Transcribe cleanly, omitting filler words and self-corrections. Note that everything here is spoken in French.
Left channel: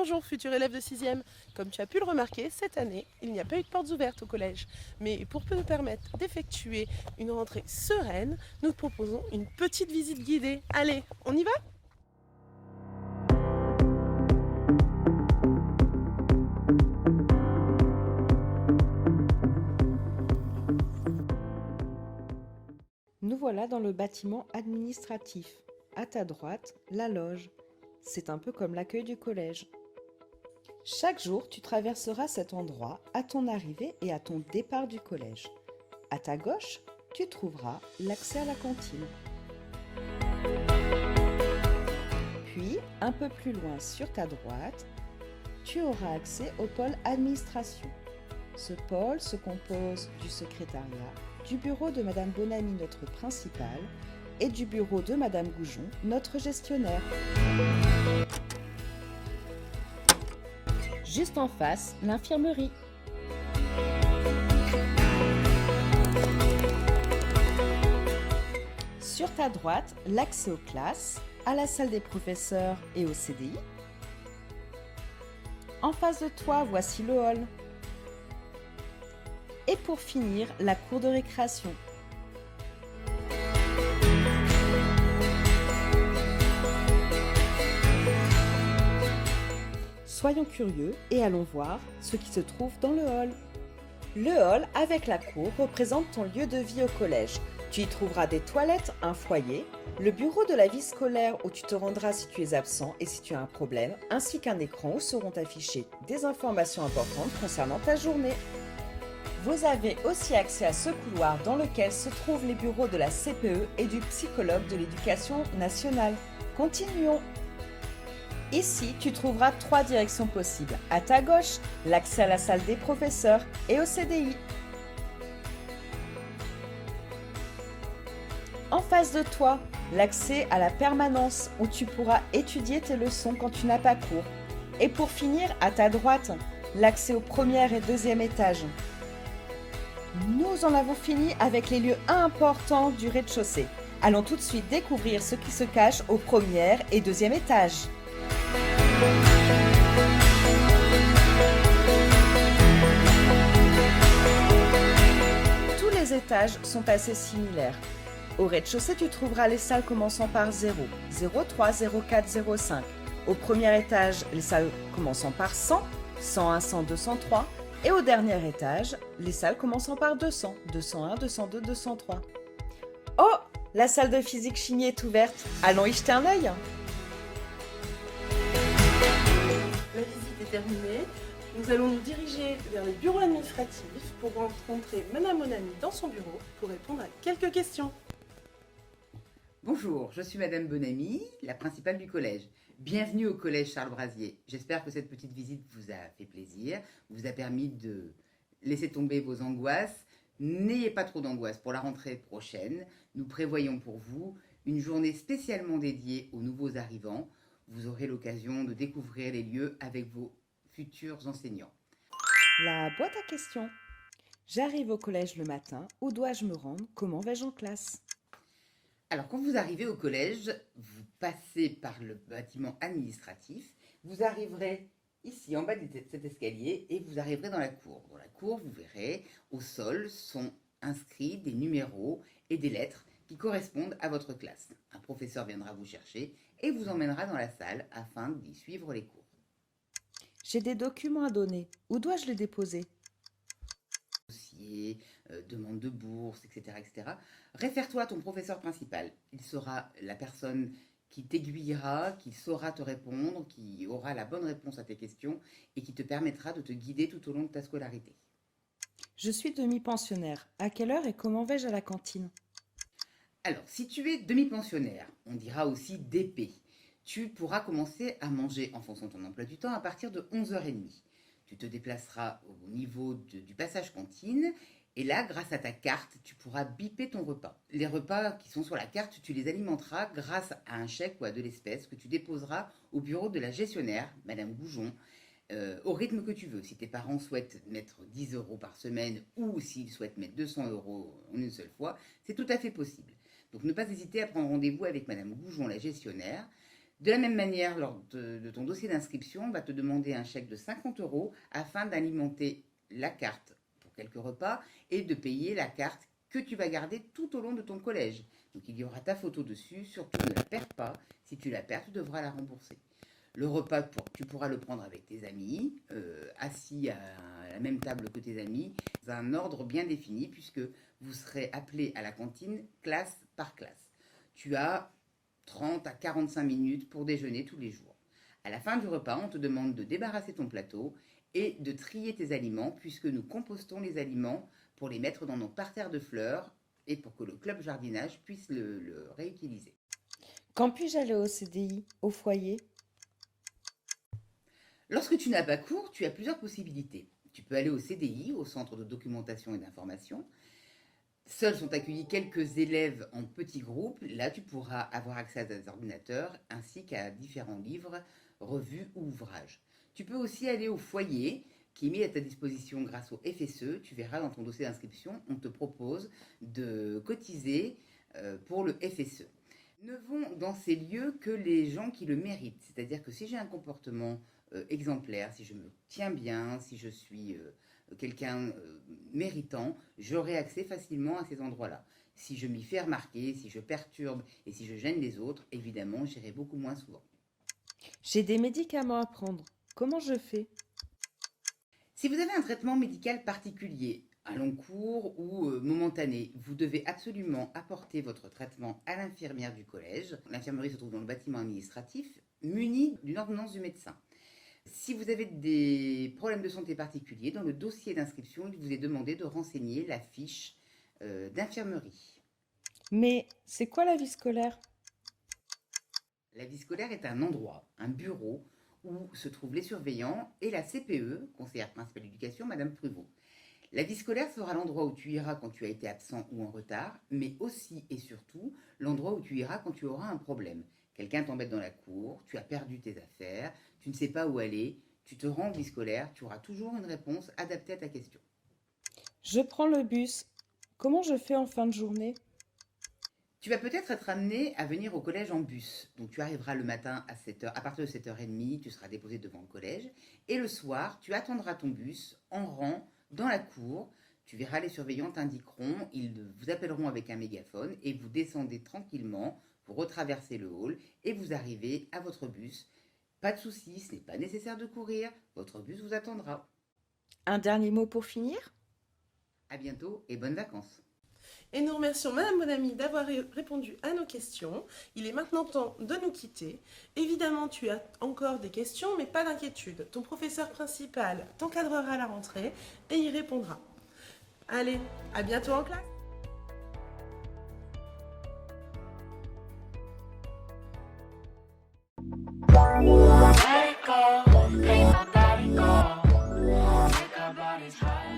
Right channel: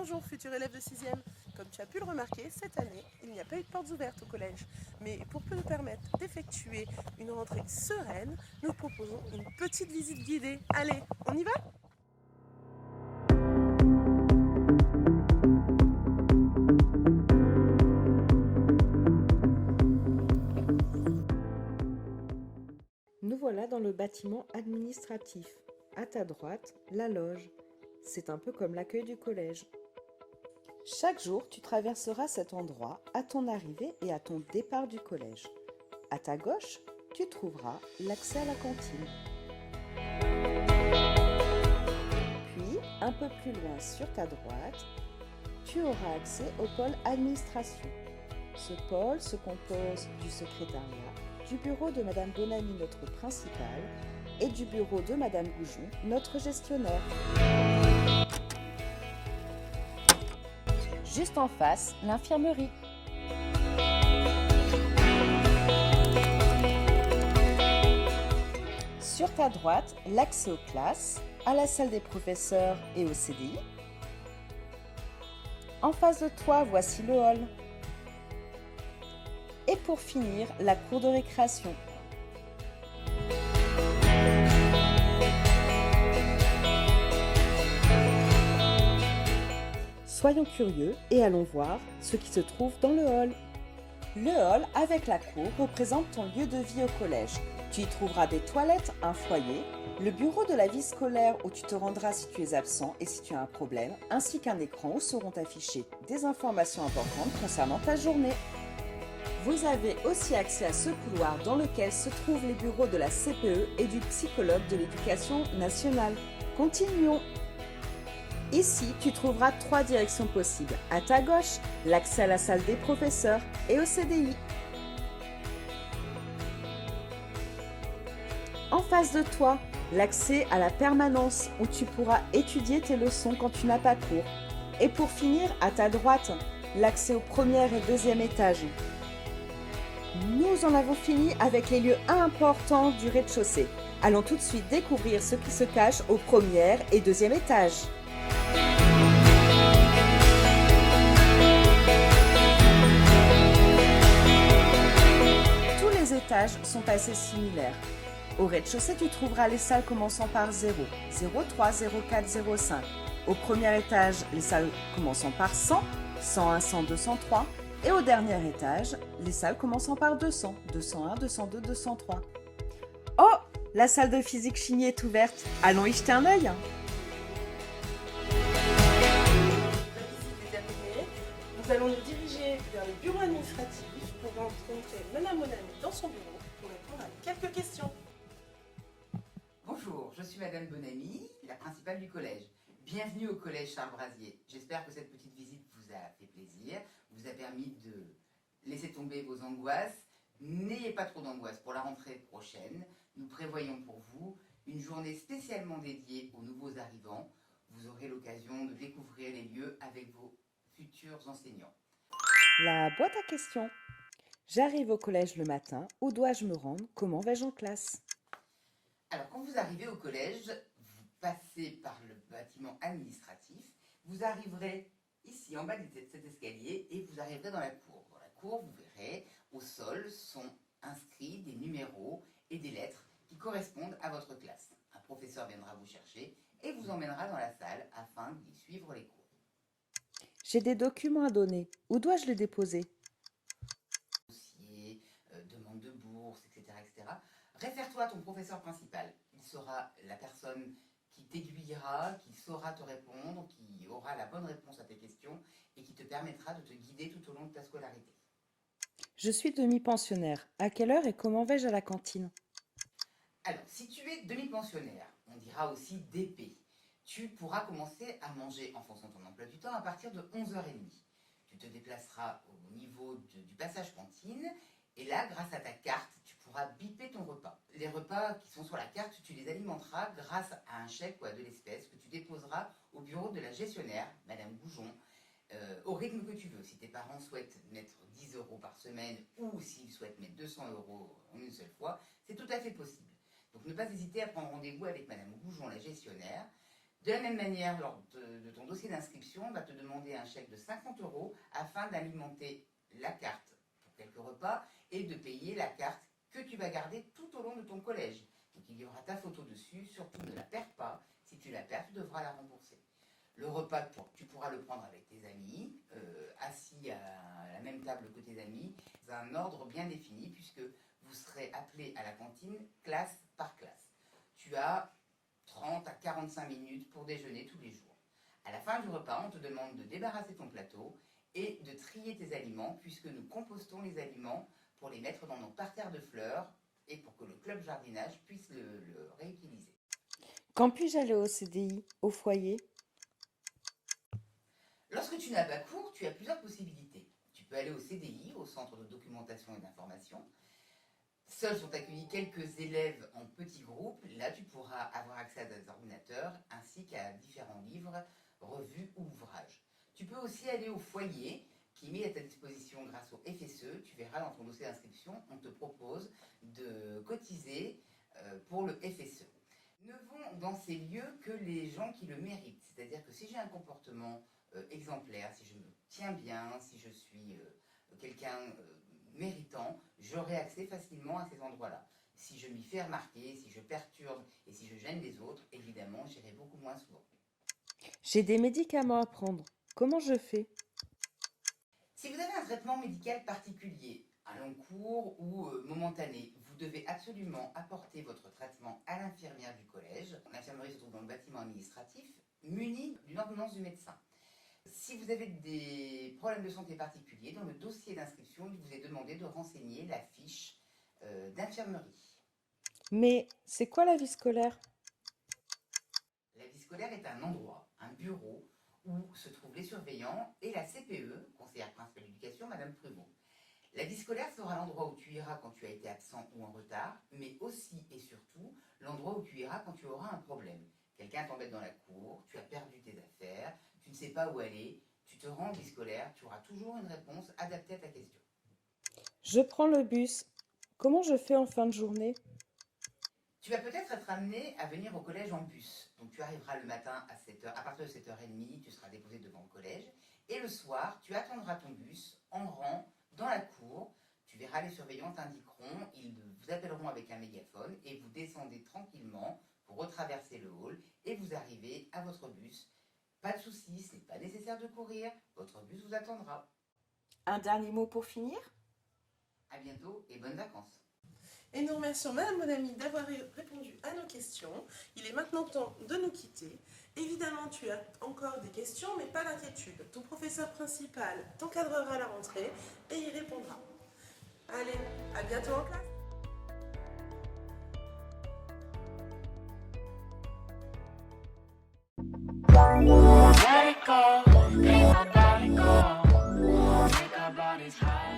Bonjour futur élève de 6e. Comme tu as pu le remarquer, cette année, il n'y a pas eu de portes ouvertes au collège. Mais pour nous permettre d'effectuer une rentrée sereine, nous proposons une petite visite guidée. Allez, on y va? Nous voilà dans le bâtiment administratif. À ta droite, la loge. C'est un peu comme l'accueil du collège. Chaque jour, tu traverseras cet endroit à ton arrivée et à ton départ du collège. À ta gauche, tu trouveras l'accès à la cantine. Puis, un peu plus loin sur ta droite, tu auras accès au pôle administration. Ce pôle se compose du secrétariat, du bureau de Madame Bonamy, notre principale, et du bureau de Madame Goujon, notre gestionnaire. Juste en face, l'infirmerie. Sur ta droite, l'accès aux classes, à la salle des professeurs et au CDI. En face de toi, voici le hall. Et pour finir, la cour de récréation. Soyons curieux et allons voir ce qui se trouve dans le hall. Le hall avec la cour représente ton lieu de vie au collège. Tu y trouveras des toilettes, un foyer, le bureau de la vie scolaire où tu te rendras si tu es absent et si tu as un problème, ainsi qu'un écran où seront affichées des informations importantes concernant ta journée. Vous avez aussi accès à ce couloir dans lequel se trouvent les bureaux de la CPE et du psychologue de l'éducation nationale. Continuons. Ici, tu trouveras 3 directions possibles. À ta gauche, l'accès à la salle des professeurs et au CDI. En face de toi, l'accès à la permanence où tu pourras étudier tes leçons quand tu n'as pas cours. Et pour finir, à ta droite, l'accès au premier et deuxième étage. Nous en avons fini avec les lieux importants du rez-de-chaussée. Allons tout de suite découvrir ce qui se cache au premier et deuxième étage. Tous les étages sont assez similaires. Au rez-de-chaussée, tu trouveras les salles commençant par 0, 03, 04, 05. Au premier étage, les salles commençant par 100, 101, 102, 103. Et au dernier étage, les salles commençant par 200, 201, 202, 203. Oh, la salle de physique chimie est ouverte. Allons y jeter un œil. La visite est terminée. Nous allons nous diriger vers les bureaux administratifs pour rencontrer Madame Bonamy dans son bureau pour répondre à quelques questions. Bonjour, je suis Madame Bonamy, la principale du collège. Bienvenue au collège Charles Brasier. J'espère que cette petite visite vous a fait plaisir, vous a permis de laisser tomber vos angoisses. N'ayez pas trop d'angoisse pour la rentrée prochaine. Nous prévoyons pour vous une journée spécialement dédiée aux nouveaux arrivants. Vous aurez l'occasion de découvrir les lieux avec vos futurs enseignants. La boîte à questions. J'arrive au collège le matin. Où dois-je me rendre? Comment vais-je en classe? Alors, quand vous arrivez au collège, vous passez par le bâtiment administratif, vous arriverez ici en bas de cet escalier et vous arriverez dans la cour. Dans la cour, vous verrez, au sol sont inscrits des numéros et des lettres qui correspondent à votre classe. Un professeur viendra vous chercher et vous emmènera dans la salle afin d'y suivre les cours. J'ai des documents à donner. Où dois-je les déposer? Dossier, demande de bourse, etc., etc. Réfère-toi à ton professeur principal. Il sera la personne qui t'aiguillera, qui saura te répondre, qui aura la bonne réponse à tes questions et qui te permettra de te guider tout au long de ta scolarité. Je suis demi-pensionnaire. À quelle heure et comment vais-je à la cantine? Alors, si tu es demi-pensionnaire, on dira aussi DP, tu pourras commencer à manger en fonction de ton emploi du temps à partir de 11h30. Tu te déplaceras au niveau du passage cantine et là, grâce à ta carte, tu pourras biper ton repas. Les repas qui sont sur la carte, tu les alimenteras grâce à un chèque ou à de l'espèce que tu déposeras au bureau de la gestionnaire, Madame Goujon, au rythme que tu veux. Si tes parents souhaitent mettre 10 euros par semaine ou s'ils souhaitent mettre 200 euros en une seule fois, c'est tout à fait possible. Donc ne pas hésiter à prendre rendez-vous avec Madame Goujon, la gestionnaire. De la même manière, lors de ton dossier d'inscription, on va te demander un chèque de 50 € afin d'alimenter la carte pour quelques repas et de payer la carte que tu vas garder tout au long de ton collège. Donc il y aura ta photo dessus, surtout ne la perds pas. Si tu la perds, tu devras la rembourser. Le repas, tu pourras le prendre avec tes amis, assis à la même table que tes amis, dans un ordre bien défini, puisque vous serez appelés à la cantine classe par classe. Tu as 30 à 45 minutes pour déjeuner tous les jours. À la fin du repas, on te demande de débarrasser ton plateau et de trier tes aliments, puisque nous compostons les aliments pour les mettre dans nos parterres de fleurs et pour que le club jardinage puisse le réutiliser. Quand puis-je aller au CDI, au foyer? Lorsque tu n'as pas cours, tu as plusieurs possibilités. Tu peux aller au CDI, au Centre de documentation et d'information. Seuls sont accueillis quelques élèves en petits groupes. Là, tu pourras avoir accès à des ordinateurs ainsi qu'à différents livres, revues ou ouvrages. Tu peux aussi aller au foyer qui est mis à ta disposition grâce au FSE. Tu verras dans ton dossier d'inscription, on te propose de cotiser pour le FSE. Ne vont dans ces lieux que les gens qui le méritent. C'est-à-dire que si j'ai un comportement exemplaire, si je me tiens bien, si je suis quelqu'un méritant, j'aurai accès facilement à ces endroits-là. Si je m'y fais remarquer, si je perturbe et si je gêne les autres, évidemment, j'irai beaucoup moins souvent. J'ai des médicaments à prendre. Comment je fais? Si vous avez un traitement médical particulier, un long cours ou momentané, vous devez absolument apporter votre traitement à l'infirmière du collège. L'infirmerie se trouve dans le bâtiment administratif, munie d'une ordonnance du médecin. Si vous avez des problèmes de santé particuliers, dans le dossier d'inscription, il vous est demandé de renseigner la fiche d'infirmerie. Mais c'est quoi la vie scolaire? La vie scolaire est un endroit, un bureau, où se trouvent les surveillants et la CPE, conseillère principale d'éducation, Madame Pruvot. La vie scolaire sera l'endroit où tu iras quand tu as été absent ou en retard, mais aussi et surtout l'endroit où tu iras quand tu auras un problème. Quelqu'un t'embête dans la cour, tu as perdu tes affaires, tu ne sais pas où aller, tu te rends en vie scolaire, tu auras toujours une réponse adaptée à ta question. Je prends le bus. Comment je fais en fin de journée? Tu vas peut-être être amené à venir au collège en bus. Donc tu arriveras le matin à 7h, à partir de 7h30, tu seras déposé devant le collège. Et le soir, tu attendras ton bus en rang dans la cour. Tu verras les surveillants t'indiqueront, ils vous appelleront avec un mégaphone et vous descendez tranquillement, vous retraversez le hall et vous arrivez à votre bus. Pas de souci, ce n'est pas nécessaire de courir, votre bus vous attendra. Un dernier mot pour finir? À bientôt et bonnes vacances. Et nous remercions Madame Bonamy d'avoir répondu à nos questions. Il est maintenant temps de nous quitter. Évidemment, tu as encore des questions, mais pas d'inquiétude. Ton professeur principal t'encadrera à la rentrée et y répondra. Allez, à bientôt en classe. Let it go, make my body go. Take our bodies high.